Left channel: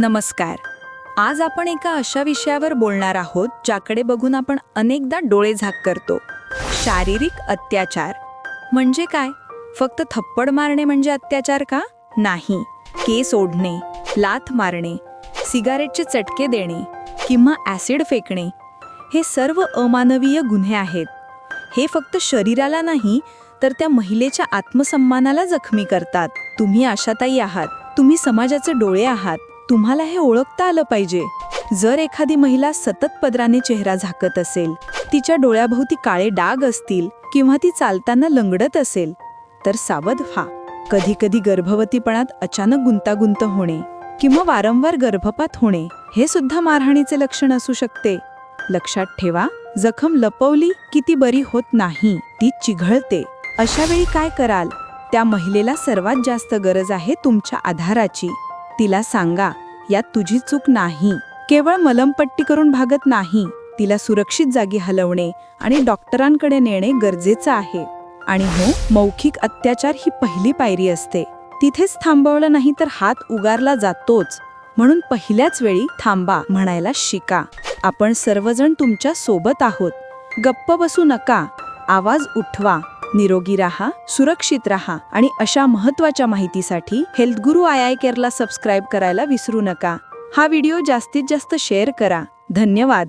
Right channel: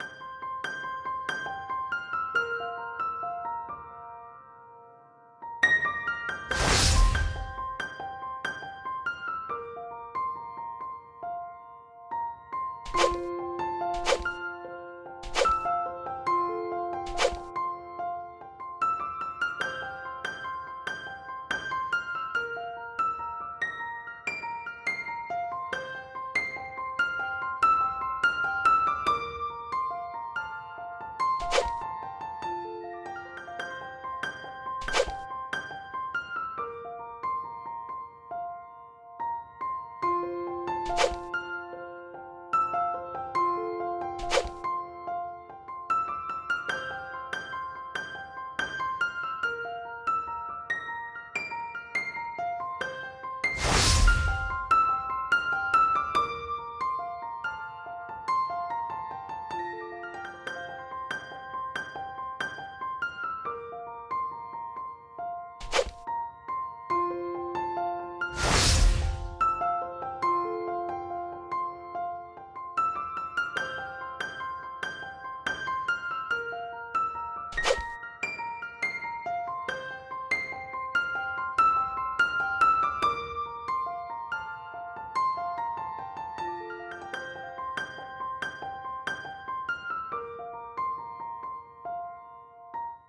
नमस्कार. आज आपण एका अशा विषयावर बोलणार आहोत ज्याकडे बघून आपण अनेकदा डोळे झाक करतो. शारीरिक अत्याचार. म्हणजे काय? फक्त थप्पड मारणे म्हणजे अत्याचार का? नाही. केस ओढणे लाथ मारणे सिगारेटचे चटके देणे किंवा ॲसिड फेकणे हे सर्व अमानवीय गुन्हे आहेत. हे फक्त शरीराला नाही तर त्या महिलेच्या आत्मसन्मानाला जखमी करतात. तुम्ही आशाताई आहात. तुम्ही समाजाचे डोळे आहात. तुम्हाला हे ओळखता आलं पाहिजे. जर एखादी महिला सतत पदराने चेहरा झाकत असेल तिच्या डोळ्याभोवती काळे डाग असतील किंवा ती चालताना लंगडत असेल तर सावध व्हा. कधी कधी गर्भवतीपणात अचानक गुंतागुंत होणे किंवा वारंवार गर्भपात होणे हे सुद्धा मारहाणीचे लक्षण असू शकते. लक्षात ठेवा जखम लपवली की ती बरी होत नाही ती चिघळते. अशा वेळी काय कराल? त्या महिलेला सर्वात जास्त गरज आहे तुमच्या आधाराची. तिला सांगा यात तुझी चूक नाही. केवळ मलमपट्टी करून भागत नाही. तिला सुरक्षित जागी हलवणे आणि डॉक्टरांकडे नेणे गरजेचं आहे. आणि हो मौखिक अत्याचार ही पहिली पायरी असते. तिथेच थांबवलं नाही तर हात उगारला जातोच. म्हणून पहिल्याच वेळी थांबा म्हणायला शिका. आपण सर्वजण तुमच्यासोबत आहोत. गप्प बसू नका. आवाज उठवा. निरोगी राहा सुरक्षित राहा आणि अशा महत्त्वाच्या माहितीसाठी health Guru I I केअरला subscribe करायला विसरू नका. हा व्हिडिओ जास्तीत जास्त शेअर करा. धन्यवाद.